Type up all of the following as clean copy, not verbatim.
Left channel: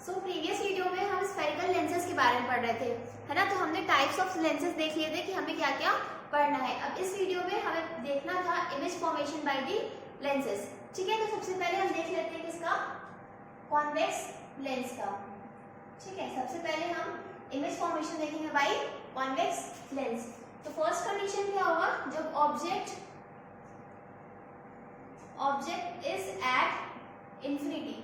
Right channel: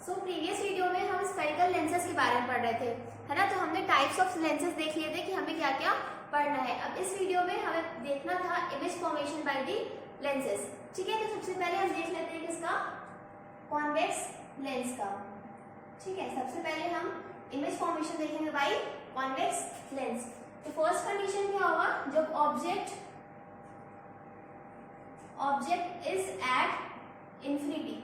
Previous video में हम spherical lenses के बारे में पढ़ रहे थे, है ना। तो हमने टाइप्स ऑफ लेंसेज देख लिए थे कि हमें क्या क्या पढ़ना है। अब इस वीडियो में हमें देखना था image formation by the lenses. ठीक है, तो सबसे पहले हम देख लेते हैं किसका, कॉन्वेक्स लेंस का। ठीक है, सबसे पहले हम इमेज फॉर्मेशन देखेंगे बाय कॉन्वेक्स लेंस। तो फर्स्ट कंडीशन क्या होगा, जब ऑब्जेक्ट इज एट इंफिनिटी।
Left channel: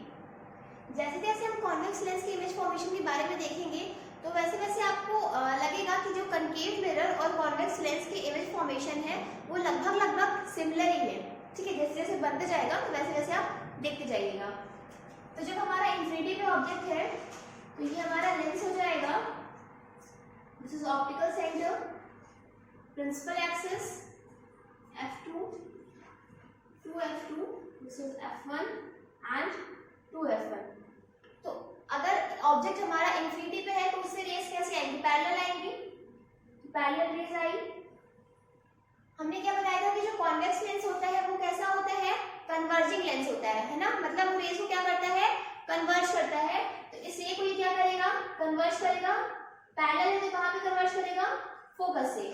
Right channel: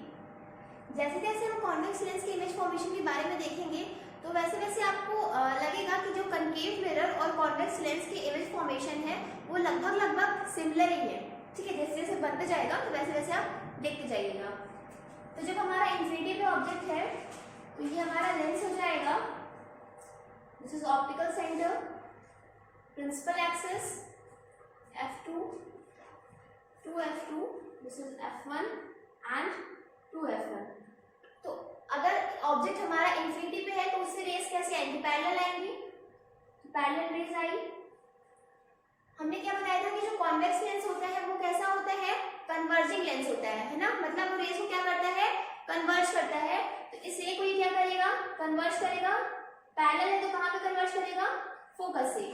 जैसे जैसे हम कॉन्वेक्स लेंस के इमेज फॉर्मेशन के बारे में देखेंगे तो वैसे वैसे आपको लगेगा कि जो कनकेव मिरर और कॉन्वेक्स लेंस की इमेज फॉर्मेशन है वो लगभग सिमिलर ही है। ठीक है, जैसे जैसे बनते जाएगा तो वैसे वैसे आप देखते जाइएगा। तो जब हमारा इंफिनिटी पे ऑब्जेक्ट है तो ये हमारा लेंस हो जाएगा, this is optical centre, principal axis f2 to f2, this is f1 and 2f1। तो अगर ऑब्जेक्ट हमारा इंफिनिटी पे है तो उससे रेस कैसे आएंगी, पैरेलल आएंगी। पैरेलल रेस आई। हमने क्या बताया था कि जो कॉन्वेक्स लेंस होता है वो कैसा होता है, कन्वर्जिंग लेंस होता है ना। मतलब वो रेस को क्या करता है, कन्वर्ज करता है। तो इस रे को ये क्या करेगा, कन्वर्ज करेगा। पैरेलल है तो कहाँ पे कन्वर्ज करेगा, फोकस से।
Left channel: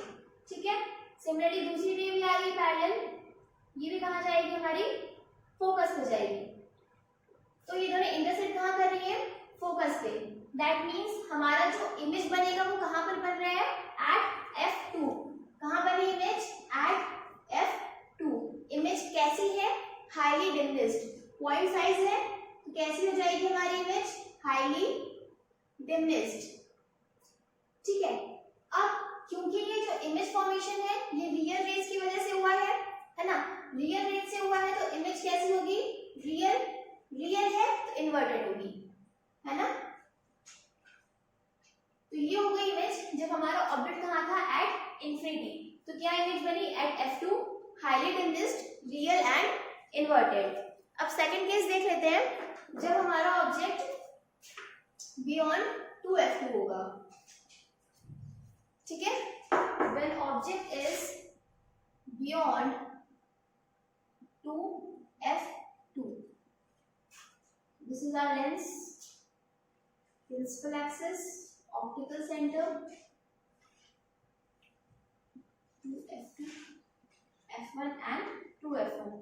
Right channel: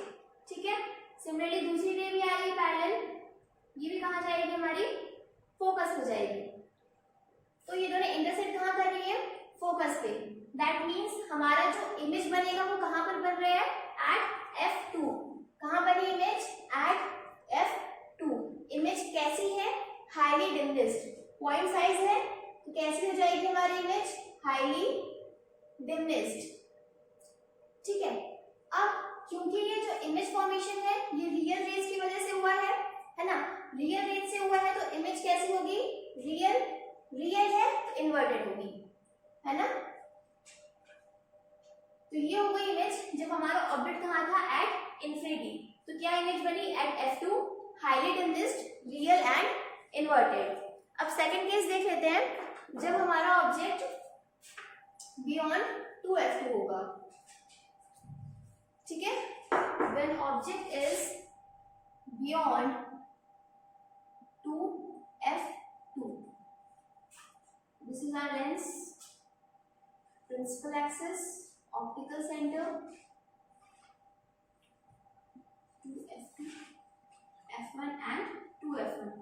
ठीक है, सिमिलरली दूसरी रे भी आ रही है पैरेलल, ये भी कहाँ जाएगी, हमारी फोकस पे जाएगी। तो ये दोनों इंटरसेक्ट कहाँ कर रही है, फोकस पे। दैट मीन्स हमारा जो इमेज बनेगा वो कहाँ पर बन रहा है, एट f2। कहाँ बनी इमेज, एट f2। इमेज कैसी है, हाईली डिम्निस्ड। पॉइंट साइज है तो कैसी हो जाएगी हमारी इमेज, हाईली डिम्निस्ड। ठीक है, अब क्योंकि ये जो इमेज फॉर्मेशन है ये रियल रेज की वजह से हुआ है ना। रियल रेज से हुआ है तो इमेज कैसी होगी, रियल है तो इन्वर्टेड होगी, है ना। तो ये हो गई इमेज जब हमारा ऑब्जेक्ट कहाँ था, एट इंफिनिटी। तो क्या इमेज बनी, at f2, highly diminished, real and inverted. अब सेकंड केस देख लेते हैं, जब हमारा ऑब्जेक्ट बियॉन्ड 2f2 होगा। ठीक है, when object is beyond 2f2, this is our lens, principal axis, optical center, 2f2, f1 and 2f1।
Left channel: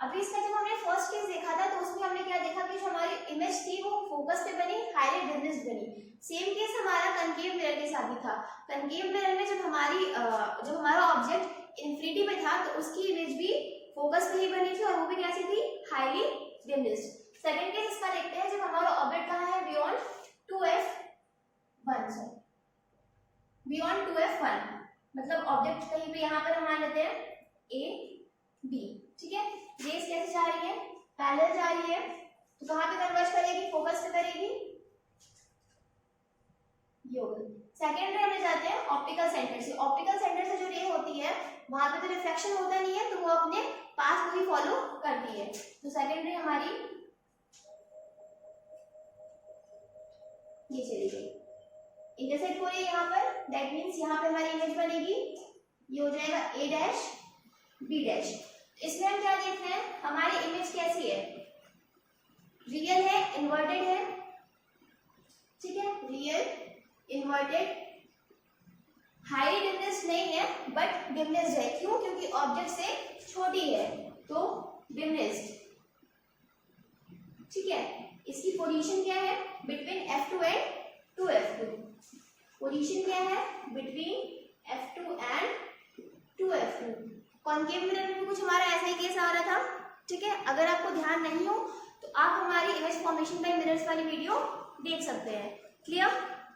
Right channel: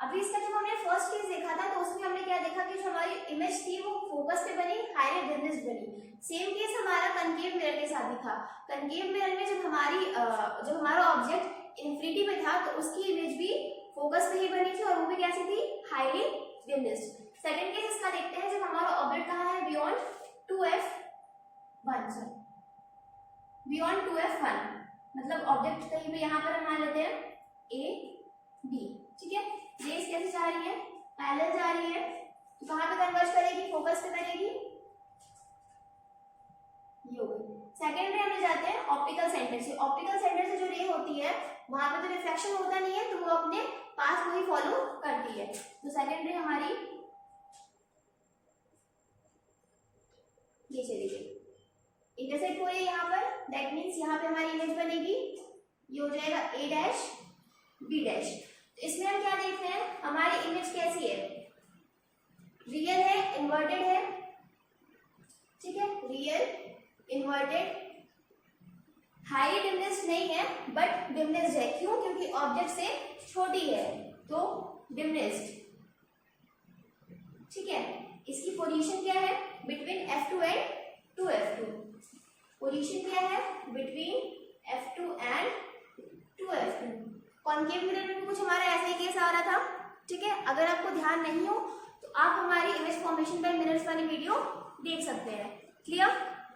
अभी इसका जब हमने फर्स्ट केस देखा था तो उसमें हमने क्या देखा कि जो हमारी इमेज थी वो फोकस पे बनी, हाईली डिम्निस्ड बनी। सेम केस हमारा कनकेव मिरर के साथ भी था। कनकेव मिरर में जब हमारा ऑब्जेक्ट इंफिनिटी पे था तो उसकी इमेज भी फोकस पे ही बनी थी और वो भी कैसी थी, हाईली डिम्निस्ड। सेकंड केस इसका देखते हैं जब हमारा ऑब्जेक्ट कहाँ है, बियॉन्ड 2f1, बियॉन्ड 2f1। मतलब ऑब्जेक्ट कहीं पे यहाँ पर हम मान लेते हैं a b। ठीक है, रेस कैसे जा रही है, पैरेलल जा रही है। तो कहाँ पे कन्वर्ज करेगी, फोकस पे करेगी, ये हो गई। सेकेंड रे हमें जाते हैं ऑप्टिकल सेंटर से। ऑप्टिकल सेंटर से जो रे होती है वहां पे तो रिफ्लेक्शन होता नहीं है तो वो अपने पास को ही फॉलो करती है। तो सेकेंड रे हमारी ये चली गई, इंटरसेक्ट हो रही है यहाँ पर। दैट मीन्स यहाँ पे हमारी इमेज बनेगी, ये हो जाएगा a डैश b डैश। इसमें हम क्या देखते हैं, हमारी इमेज कैसी है, रियल है, इन्वर्टेड है। ठीक है, रियल, इन्वर्टेड, हाई डिम्निस्ड नहीं है बट डिम्निस्ड है। क्यों, क्योंकि ऑब्जेक्ट से छोटी है तो डिम्निस्ड। ठीक है, इसकी पोजीशन क्या है, between f2 and 2f2। Position क्या है, between f2 and 2f2। Concave mirror में भी कुछ हमारा ऐसा ही केस आ रहा था। ठीक है, अगर आपको ध्यान नहीं हो तो आप हमारी इमेज फॉर्मेशन बाय मिरर्स वाली वीडियो देख सकते हैं। क्लियर।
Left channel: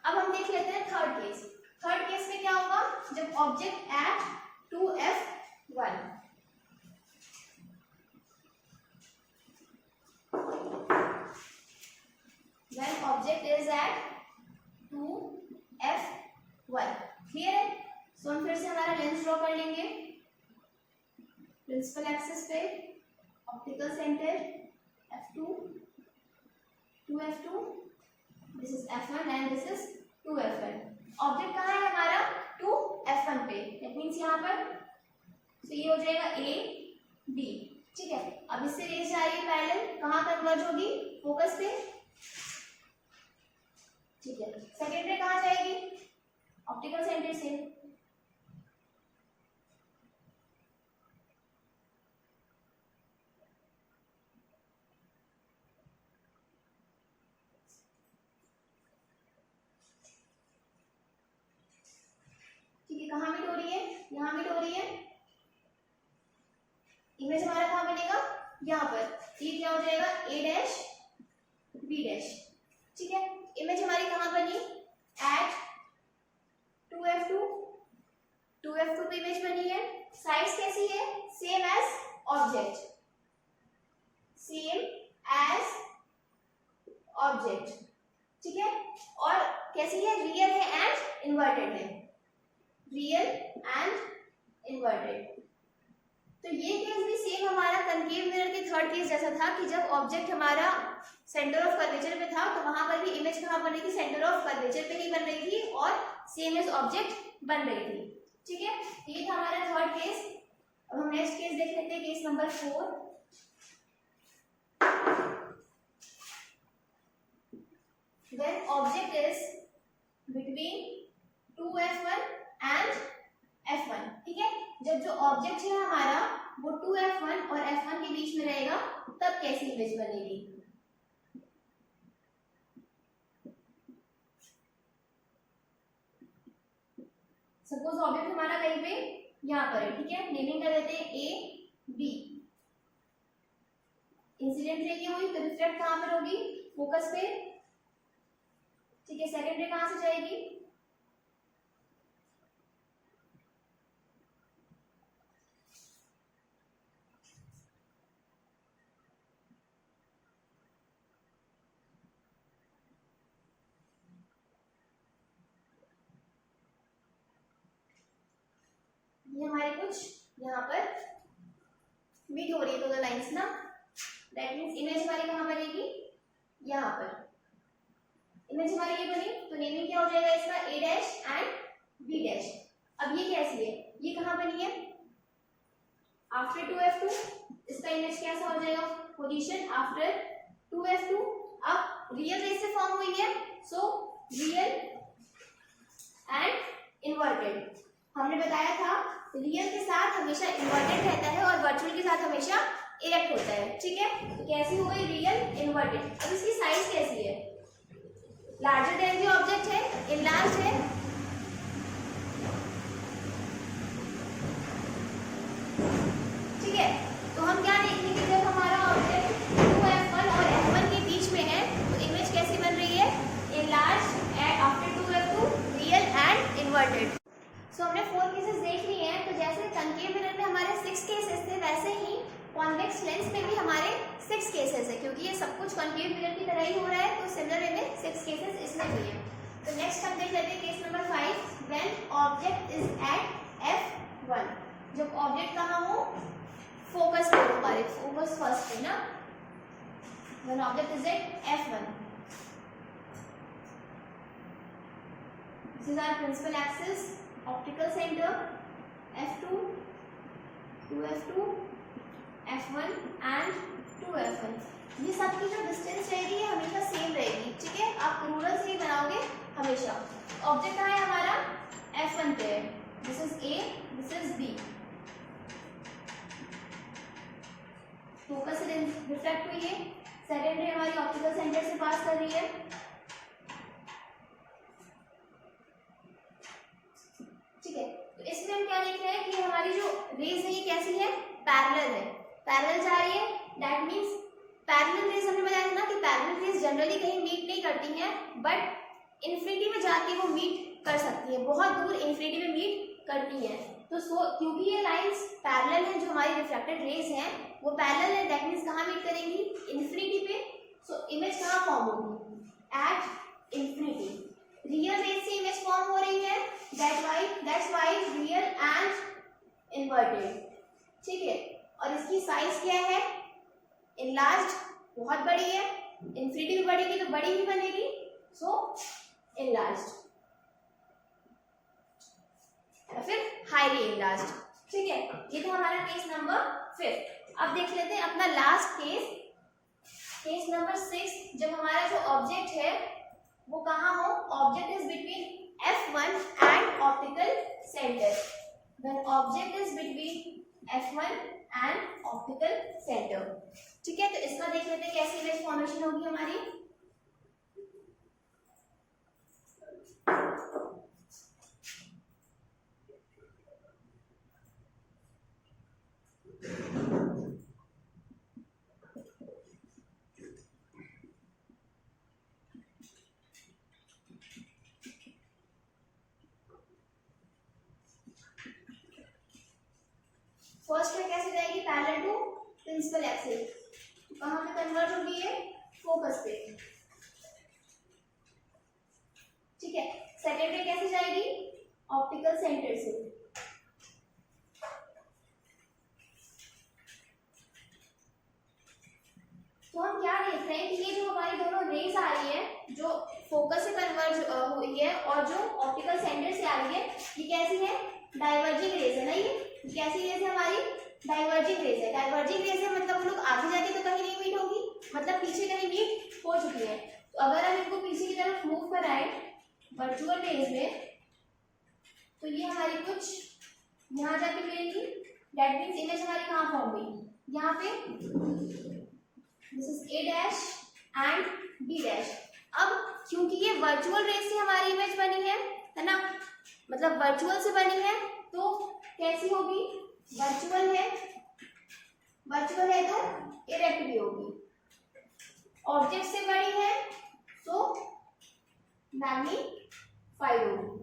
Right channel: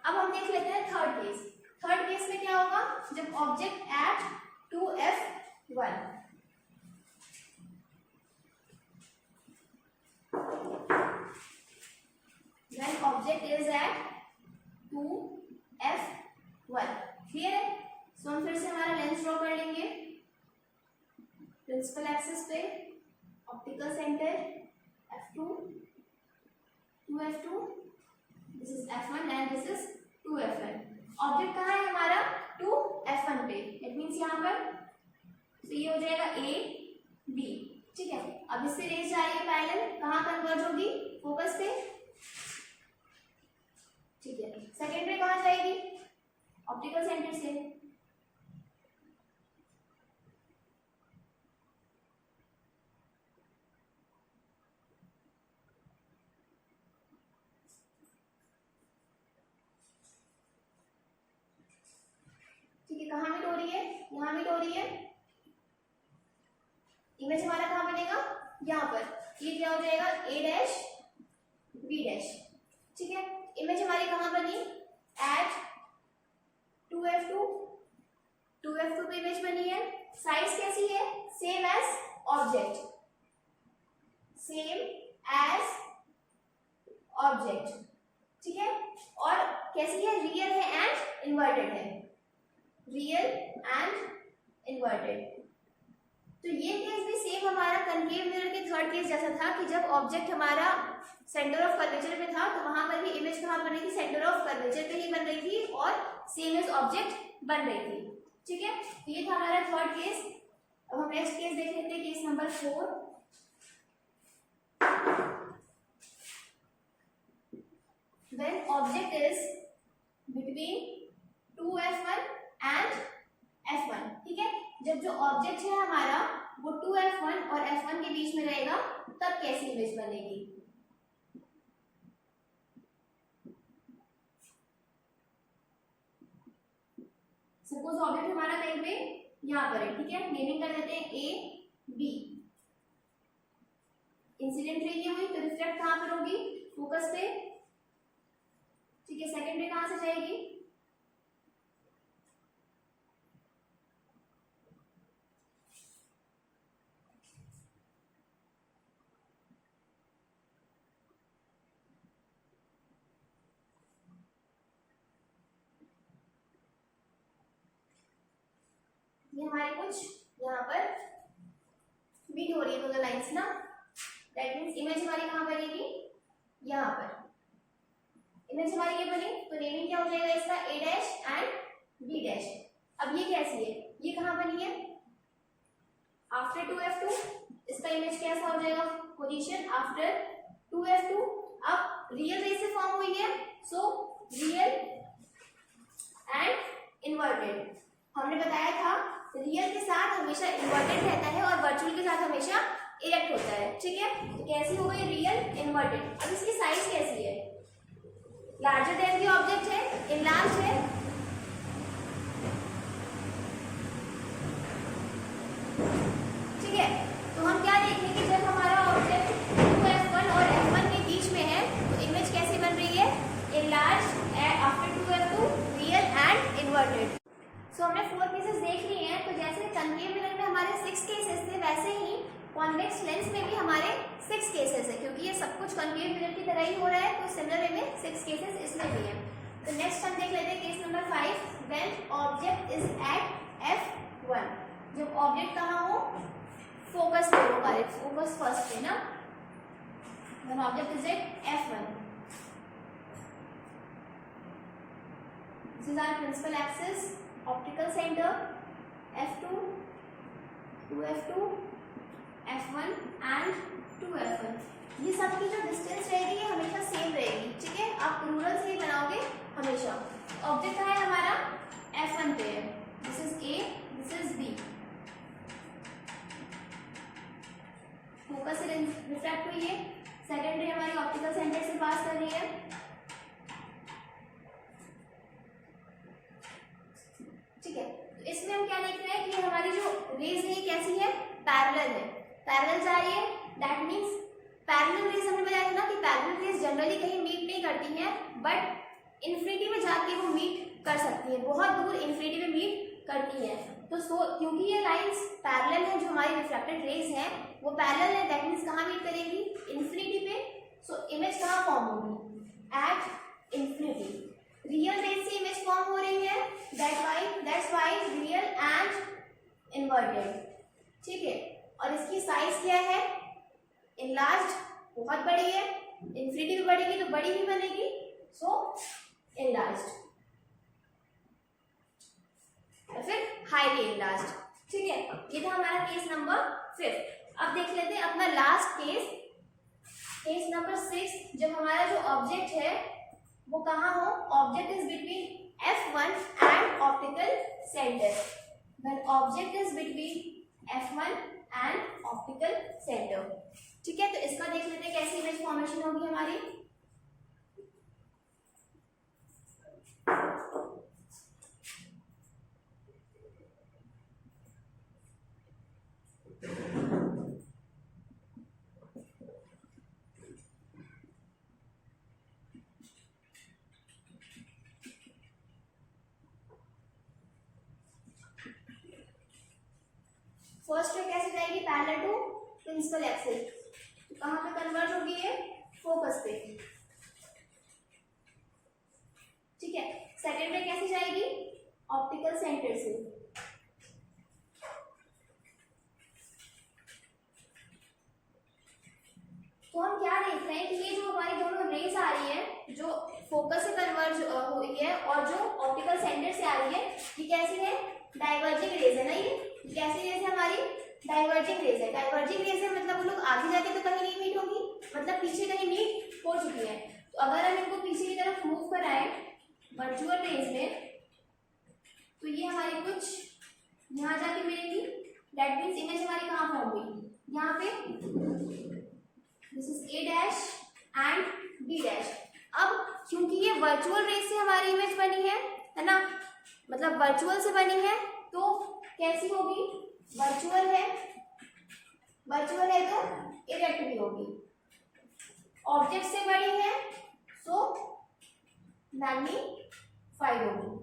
अब हम देख लेते हैं थर्ड केस। थर्ड केस में क्या होगा, जब object at 2f1, when object is at 2f1। Clear है। सो हम फिर से हमारा लेंस ड्रॉ कर लेंगे, प्रिंसिपल एक्सिस पे, optical centre f2, 2f2, this is f1 and this is 2f1। Object कहाँ है हमारा, 2f1 पे। दैट मीन्स यहाँ पर तो ये हो जाएगा a b। ठीक है, अब इससे रेस जा रही है पैरेलल, कहाँ कन्वर्ज होगी, फोकस पे। ठीक है, सेकेंड रे कहाँ जाएगी? ऑप्टिकल सेंटर से। ठीक है, कहाँ मीट हो रही है? यहाँ मीट हो रही है। इमेज हमारा कहाँ बनेगा? यहाँ पर। ये क्या हो जाएगा? ए डैश बी डैश। ठीक है, इमेज हमारी कहाँ बनी? एट 2f2 पे इमेज बनी है। साइज कैसी है? Same as object, same as object. ठीक है, और कैसी है? रियल है एंड इन्वर्टेड है, रियल एंड इन्वर्टेड। तो ये केस भी सेम हमारा कनकेव मिरर के थर्ड केस जैसा था कि जब ऑब्जेक्ट हमारा सेंटर ऑफ कर्वेचर पे था तो वहां पर भी इमेज कहाँ बन रही थी? सेंटर ऑफ कर्वेचर पे ही बन रही थी और सेम एज ऑब्जेक्ट बन रही थी। ठीक है, ये था हमारा थर्ड केस। अब हम नेक्स्ट केस देख लेते हैं, case number 4। When object is between 2f1 and f1। ठीक है, जब जो ऑब्जेक्ट है हमारा वो 2f1 और f1 के बीच में रहेगा तब कैसी इमेज बनेगी? सपोज ऑब्जेक्ट हमारा कहीं पे यहाँ पर है। ठीक है, नेमिंग कर देते हैं ए बी। इंसिडेंट रे की हुई तो रिफ्लेक्ट कहाँ पर होगी? फोकस पे। ठीक है, सेकेंड रे कहाँ से जाएगी? ये हमारे कुछ यहाँ पर मीट हो रही है दोनों लाइंस ना। दैट मीन्स इमेज हमारी कहाँ बनेगी? यहाँ पर। इमेज हमारी ये बनी तो नेमिंग क्या हो जाएगा इसका? ए डैश एंड बी डैश। अब ये कैसी है? ये कहाँ बनी है? After 2f2। इसका इमेज कैसा हो जाएगा? Position after 2f2। अब रियल रेस से फॉर्म हुई है, सो रियल एंड इन्वर्टेड। हमने बताया था रियल के साथ हमेशा इन्वर्टेड रहता है और वर्चुअल के साथ हमेशा इरेक्ट होता है। ठीक है, तो कैसी हो गई? Real inverted. अब इसकी साइज कैसी है? लार्जर देन दी ऑब्जेक्ट है, इनलार्ज है। ठीक है, तो हम क्या देखेंगे कि जब हमारा ऑब्जेक्ट 2f1 और f1 के बीच में है तो इमेज कैसी बन रही है? Enlarge after 2f2, real and inverted. So हमने 4 केसेस देख लिए हैं। तो जैसे कनकेव मिरर में हमारे 6 केसेस थे वैसे ही कॉन्वेक्स लेंस में भी हमारे 6 केसेस है, क्योंकि ये सब कुछ कनकेव मिरर की तरह ही हो रहा है तो सिमिलर वे में 6 केसेस इसमें भी हैं। तो नेक्स्ट हम देख लेते हैं case number 5। When object is at f1। जब ऑब्जेक्ट कहाँ हो? फोकस पे हो, हमारे फोकस फर्स्ट पे ना। When object is at f1, this is our principal axis, optical centre f2, 2f2, f1 and 2f1। ये सबकी जो डिस्टेंस रहेगी ये हमेशा सेम रहेगी। ठीक है, आप रूलर से ही बनाओगे हमेशा। ऑब्जेक्ट कहाँ है हमारा? f1 पे है। This is a, this is b। Focus से रिफ्लेक्ट हुई है। सेकेंड रे हमारी ऑप्टिकल सेंटर से पास कर रही है। ठीक है, तो इसमें हम क्या देख रहे हैं कि हमारी जो रेज है ये कैसी है? पैरेलल है, पैरेलल जा रही है। दैट मींस पैरेलल रेज हमने बताया था ना कि पैरेलल रेज जनरली कहीं मीट नहीं करती हैं, बट इन्फिनिटी में जाके वो मीट कर सकती है, बहुत दूर इन्फिनिटी में मीट करती हैं। तो क्योंकि ये लाइंस पैरेलल है, जो हमारी रिफ्लेक्टेड रेज हैं वो पैरेलल है, दैट मींस कहाँ मीट करेंगी? इन्फिनिटी पे। सो इमेज कहाँ फॉर्म होगी? At infinity. रियल रेज से इमेज फॉर्म हो रही है, that's why real and inverted. ठीक है, और इसकी साइज क्या है? इनलार्ज, बहुत बड़ी है। इन्फिनिटी भी बढ़ेगी तो बड़ी ही बनेगी, सो इनलार्ज्ड या फिर हाईली इनलार्ज्ड। ठीक है, ये था हमारा केस नंबर 5। अब देख लेते हैं अपना लास्ट केस, केस नंबर 6। जब हमारा जो ऑब्जेक्ट है वो कहाँ हो, object is between F1 and optical centre, when object is between F1 and optical centre. ठीक है, तो इसका देख लेते हैं कैसी इमेज फॉर्मेशन होगी हमारी। फर्स्ट में कैसे जाएगी, पैरेलल टू प्रिंसिपल एक्सिस, तो कहाँ पे कन्वर्ज होगी ये, फोकस पे। ठीक है, सेकेंड में कैसे जाएगी, ऑप्टिकल सेंटर से। तो हम क्या देख रहे हैं कि ये जो हमारी दोनों रेज आ रही है, जो फोकस से कन्वर्ज हुई है और जो ऑप्टिकल सेंटर से आ रही है, ये कैसी है, डाइवर्जिंग रेज है ना। ये कैसी रेज है हमारी, डाइवर्जिंग रेज है। डाइवर्जिंग रेज है मतलब वो लोग आगे जाके तो कहीं नहीं मीट होगी, मतलब पीछे कहीं मीट हो चुकी है। तो अगर हम इनको पीछे की तरफ मूव कराएं वर्चुअल रेज में, तो ये हमारी कुछ यहाँ जाके मिलेंगी। दैट मीन्स इमेज हमारी कहाँ फॉर्म हुई, यहाँ पे, this is A dash and B dash. अब क्योंकि ये वर्चुअल रेज से हमारी इमेज बनी है ना, मतलब वर्चुअल से बनी है, तो कैसी होगी, वर्चुअल है, वर्चुअल है तो इरेक्ट भी होगी। ऑब्जेक्ट से बनी है सो मैग्नीफाइड होगी।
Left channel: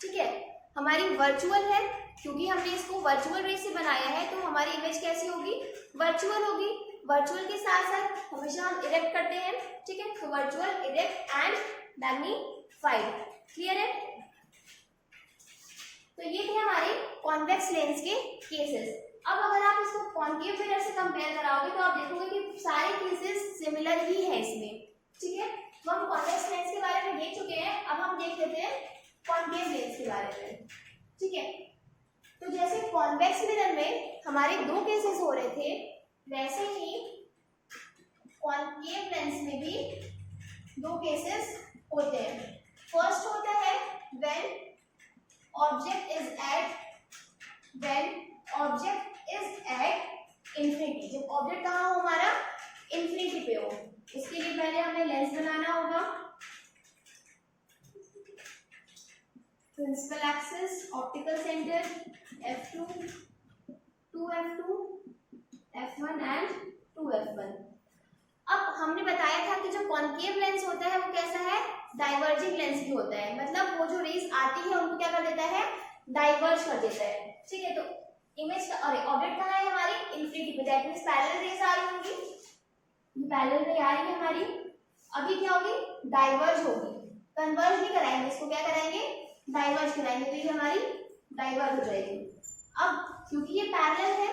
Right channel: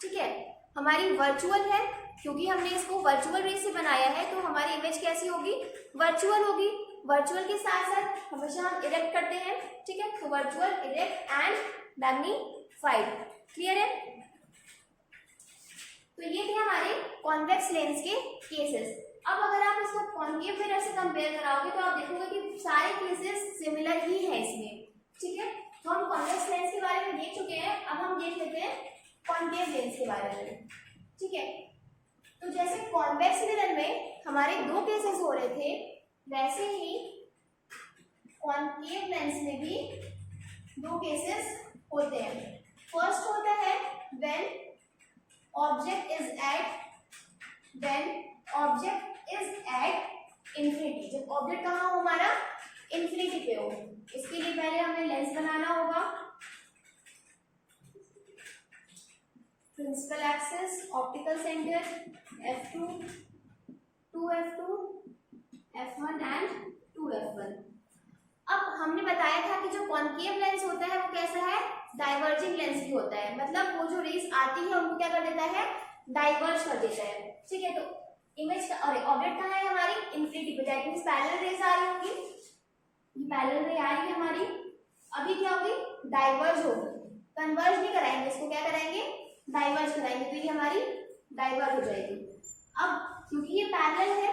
ठीक है, हमारी वर्चुअल है, क्योंकि हमने इसको वर्चुअल रेज से बनाया है, तो हमारी इमेज कैसी होगी, वर्चुअल होगी। वर्चुअल के साथ साथ हमेशा हम इरेक्ट करते हैं। ठीक है, तो virtual, erect and magnified. Clear है। तो ये थे हमारे कॉन्वेक्स लेंस के केसेस। अब अगर आप इसको कॉन्केव मिरर से कंपेयर कराओगे तो आप देखोगे कि सारे केसेस सिमिलर ही है इसमें। ठीक है, तो हम कॉन्वेक्स लेंस के बारे में देख चुके हैं, अब हम देख लेते हैं कॉन्केव लेंस के बारे में। ठीक है, तो जैसे कॉन्वेक्स मिरर में हमारे दो केसेस हो रहे थे, वैसे ही कॉन्केव लेंस में भी दो केसेस होते हैं। फर्स्ट होता है when object is at infinity, जब ऑब्जेक्ट कहाँ हो हमारा, इंफिनिटी पे हो। इसके लिए पहले हमें लेंस बनाना होगा, principal axis, optical centre F2, 2F2, F1 and 2F1। अब हमने बताया था कि जो कॉन्केव लेंस होता है वो कैसा है, डाइवर्जिंग लेंस भी होता है, मतलब वो जो रेज आती है उनको क्या कर देता है, डाइवर्ज कर देता है। ठीक है, तो इमेज ऑब्जेक्ट कहाँ है हमारी, इंफिनिटी पे, दैट मींस पैरेलल रेज आ रही होंगी, ये पैरेलल रे आ रही है हमारी, अभी क्या होगी, डाइवर्ज होगी। कन्वर्ज नहीं कराएंगे इसको, क्या कराएंगे, डाइवर्ज कराएंगे, तो ये हमारी डाइवर्ज हो जाएगी। अब क्योंकि ये पैरेलल है,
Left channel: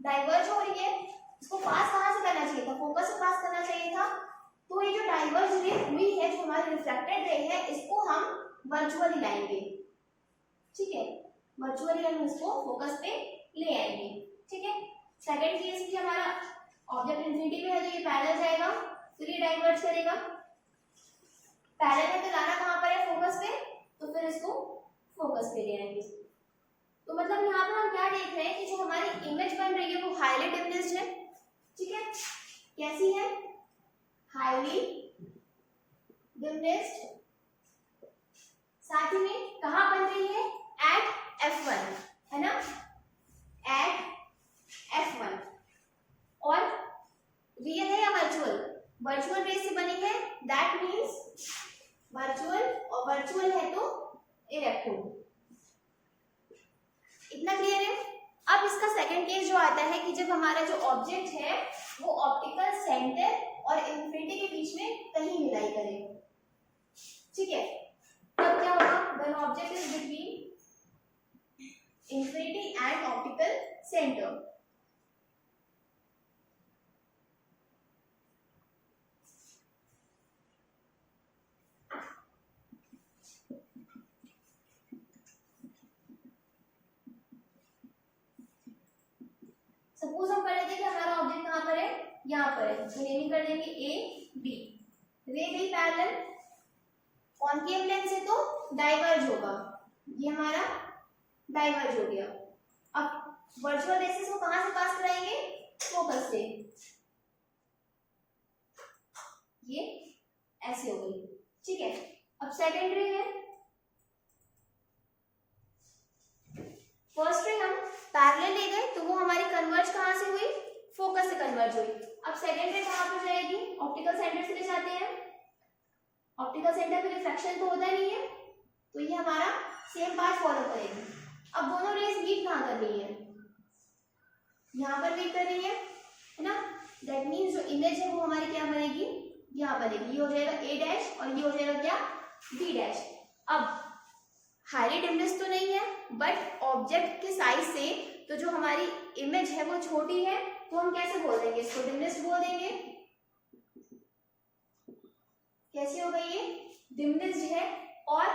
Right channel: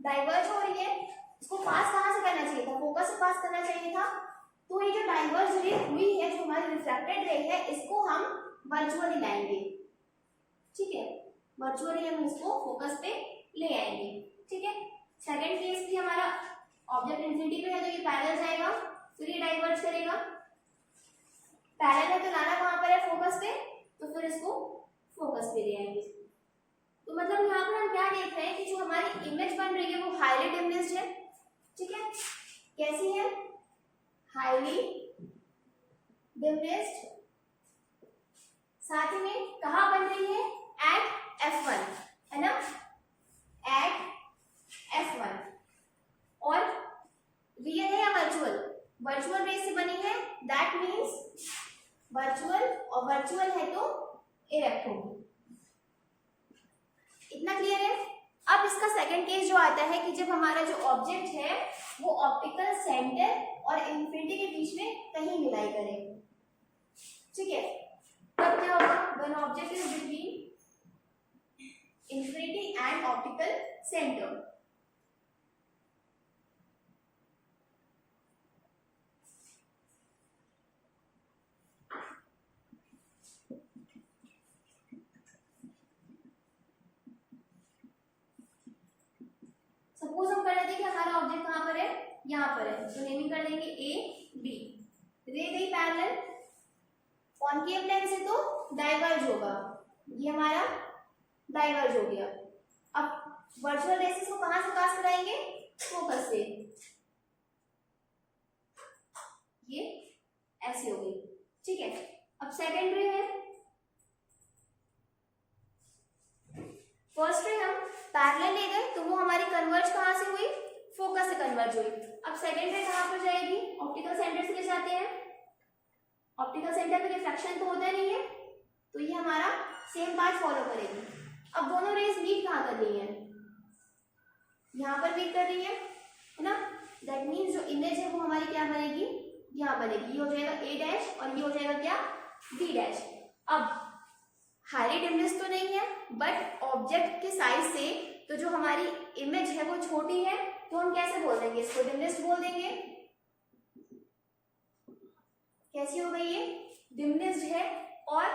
डाइवर्ज हो रही है, इसको पास कहाँ से करना चाहिए था, फोकस से पास करना चाहिए था। तो ये जो डाइवर्ज रे हुई है, जो हमारी रिफ्रैक्टेड रे है, इसको हम वर्चुअली लाएंगे। ठीक है, वर्चुअली हम इसको फोकस पे ले आएंगे। ठीक है, सेकंड केस भी हमारा ऑब्जेक्ट इंफिनिटी पे है, तो ये पैरेलल जाएगा, फिर ये डाइवर्ज करेगा। पैरेलल है तो लाना कहाँ पर है, फोकस पे, तो फिर इसको फोकस पे ले आएंगे। तो मतलब यहाँ पर हम क्या देख रहे हैं कि जो हमारी इमेज बन रही है वो हाईली डिम्निस्ड है। ठीक है, कैसी है, हाईली डिम्निस्ड। साथ ही में कहाँ बन रही है, एट F1, है ना, एट F1। और रियल है या वर्चुअल, वर्चुअल रेज से बनी है, दैट मीन्स वर्चुअल, और वर्चुअल है तो इरेक्ट होगी। इतना क्लियर है। अब इसका सेकंड केस जो आता है कि जब हमारा जो ऑब्जेक्ट है वो ऑप्टिकल सेंटर और इंफिनिटी के बीच में कहीं मिलाई करे। ठीक है, तब क्या होगा, when object is between infinity and optical centre. Suppose हम कर लेते हैं कि हमारा ऑब्जेक्ट कहाँ पर है, यहाँ पर है, तो नेमिंग कर देंगे A B। रे गई पैरेलल, कॉनकेव लेंस है तो डाइवर्ज होगा, ये हमारा डाइवर्ज हो गया। अब वर्चुअल रेसेस को कहां से पास कराएंगे, फोकस से, ये ऐसे हो गई, ठीक है। अब सेकेंड रे है, फर्स्ट रे हम पैरेलल ले गए तो वो हमारी कन्वर्ज कहां से हुई, फोकस से कन्वर्ज हुई। अब सेकेंड रे कहां पर जाएगी, ऑप्टिकल सेंटर से ले जाते हैं, ऑप्टिकल सेंटर में रिफ्रैक्शन तो होता नहीं है, तो ये हमारा सेम पाथ फॉलो करेगी। अब दोनों रेस मीट कहां कर रही है, यहां पर मीट कर रही है ना, दैट मीन्स जो इमेज है वो हमारी क्या बनेगी, यहाँ बनेगी, ये हो जाएगा ए डैश और ये हो जाएगा क्या, बी डैश। अब हाईली डिमनेस तो नहीं है, बट ऑब्जेक्ट के साइज से तो जो हमारी इमेज है वो छोटी है, तो हम कैसे बोल देंगे इसको, डिमनेस बोल देंगे। कैसी हो गई ये, डिमनेस्ड है। और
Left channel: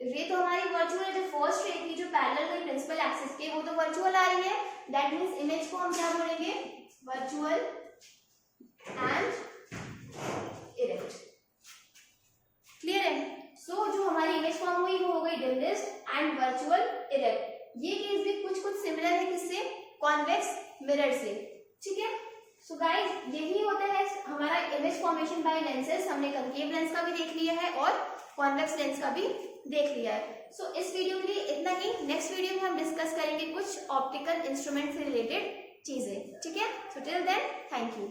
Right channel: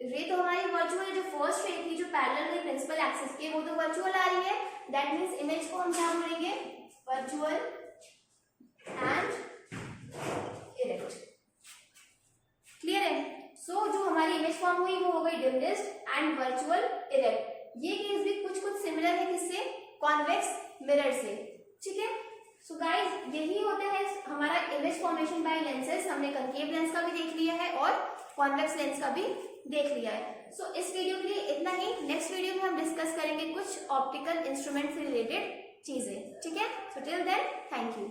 रे तो हमारी वर्चुअल है, जो फर्स्ट रे थी जो पैरेलल गई प्रिंसिपल एक्सिस के, वो तो वर्चुअल आ रही है, दैट मीन्स इमेज को हम क्या बोलेंगे, वर्चुअल एंड इरेक्ट। क्लियर है। सो जो हमारी इमेज फॉर्म हुई वो हो गई डिमनेस्ड एंड वर्चुअल इरेक्ट। ये केस भी कुछ कुछ सिमिलर है किससे, कॉन्वेक्स मिरर से, ठीक है। सो गाइज यही होता है हमारा इमेज फॉर्मेशन बाय लेंसेज। हमने कंकेव लेंस का भी देख लिया है और कॉन्वेक्स लेंस का भी देख लिया है। सो इस वीडियो के लिए इतना ही। नेक्स्ट वीडियो में हम डिस्कस करेंगे कुछ ऑप्टिकल इंस्ट्रूमेंट से रिलेटेड चीजें, ठीक है। So till then thank you.